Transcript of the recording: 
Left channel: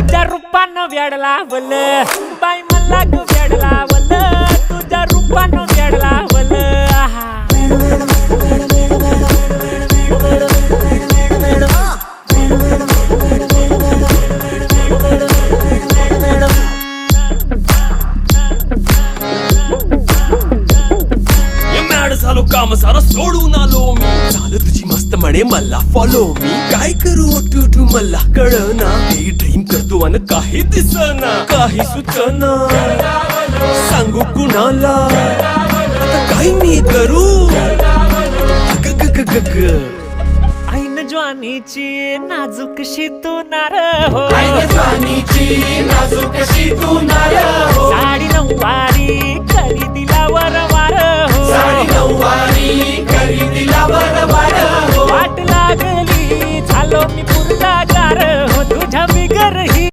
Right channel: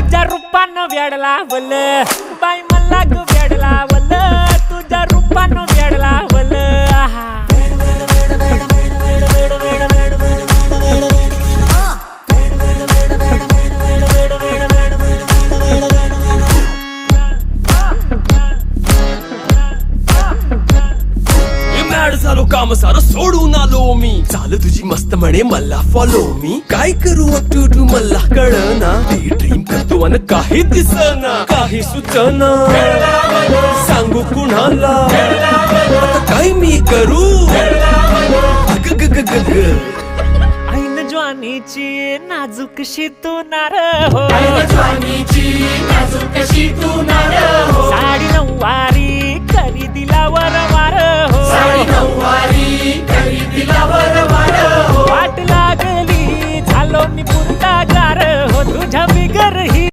तुझ्या रूपानं वेड लावल बाई मला ग वेड लावल तुझ्या रूपानं वेड लावल आहा झालो काम सारं सोडून आलो मी चाल तुझी मस्त म्हणे मला फॉलो मी काय करू टू मला कळना ती ड्रीम करतो अन काही दिसना काही सुचना सांगू कुणाला आता काय मी करू अग ग ग ग ग ऐन ज्वानीची नाजूकशी तू नार हो साडी नऊवारी करी दिला वरवार हो वाट लागली झालो मी पुरता गार हो तुझ्या बिगर ही